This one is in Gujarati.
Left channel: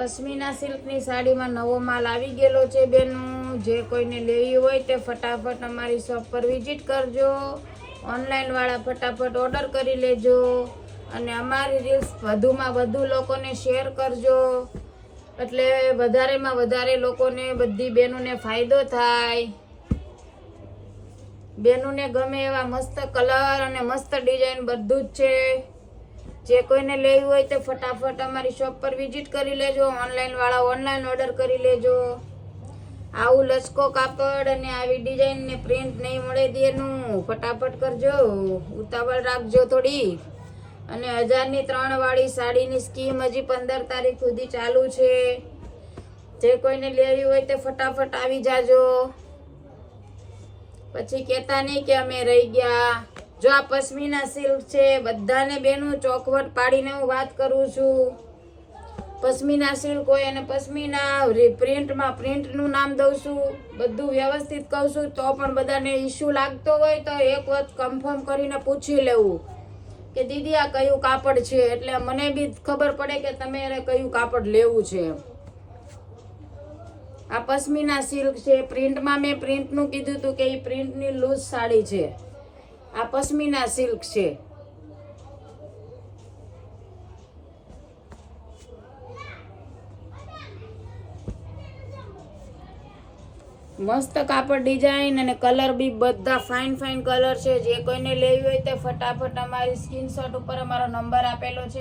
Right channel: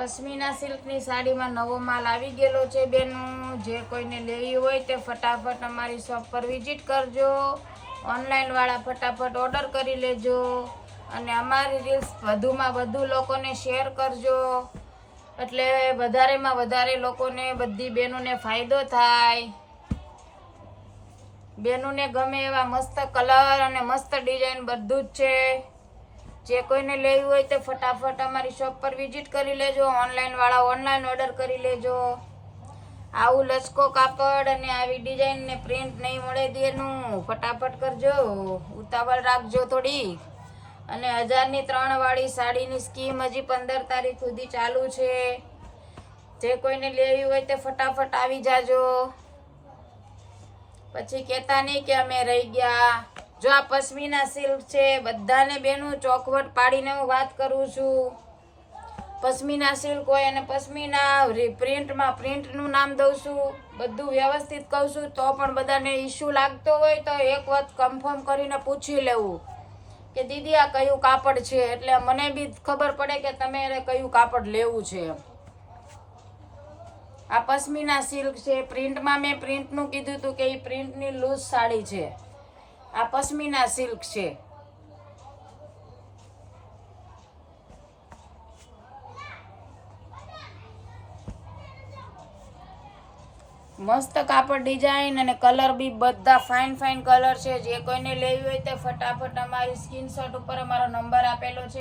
પશ્મિના સિલ્કની સાડીમાં નવો માલ આવી ગયેલો છે બેનું. જે કોઈને લેવી હોય તે ફટાફટ અમારી શોપ પર વિઝિટ કરજો. ઓનલાઈન વાળા ફટાફટ ઓર્ડર કરી લેજો અને અમારી રીલ્સ વધુમાં વધુ લોકોને શેર કરજો, એટલે વધારેમાં વધારે લોકોને, બધી બહેનોને ફાયદો થાય. બહેનોને ગમે એવા મસ્ત કલર અને મસ્ત ડિઝાઇન બધું જ છે. જે કોઈને લેવી હોય તે ફટાફટ અમારી શોપ પર વિઝિટ કરી લેજો. ઓનલાઈન વાળા ઓનલાઈન ઓર્ડર કરી લેજો. આવું લચકો કાપડ અને આવી ડિઝાઇન ને પ્રિન્ટ નહીં મળે દેનું, ફટાફટ કરજો, ઉતાવળ રાખજો થોડી. અને 1000ની 3 વાળી સાડીની સ્કીમ હજી 15 તારીખ સુધી ચાલુ છે. જે કોઈને લેવી હોય તે ફટાફટ આવી જાજો, પછી કહેતા નહીં કે અમે રહી ગયા. જો આ પશ્મિના સિલ્ક છે, બધાને બેનું ચોખવટ પાડીને હું વાત કરું છું. પશ્મિના સિલ્ક હોય અને પશ્મિના પ્રિન્ટમાં પ્રિન્ટનું નામ દઉં છું, બધું વ્યવસ્થિત કહું છું. તો પણ બધાને ઇશ્યુ લાગતો હોય તો એક વખત કન્ફર્મ કરીને પૂછી લેવું કે દીદી આ કયું કાપડ છે, એટલે મને બી ખબર પડે કે તમારે કયું કાપડ લેવું છે. આ પશ્મિના સિલ્ક છે. પ્રિન્ટમાં મેં પ્રિન્ટનું કીધું હતું કે એ પ્રિન્ટની લૂઝ સાડી છે. આ પશ્મિના સિલ્ક છે. મસ્ત કાપડ, ડિઝાઇન અને કલર બી બધા ફાઇન ફાઇન કલર છે. જે કોઈને લેવી હોય તે ફટાફટ અમારી સ્ક્રીનશોટ ઉપર અમારો નંબર આપેલો છે.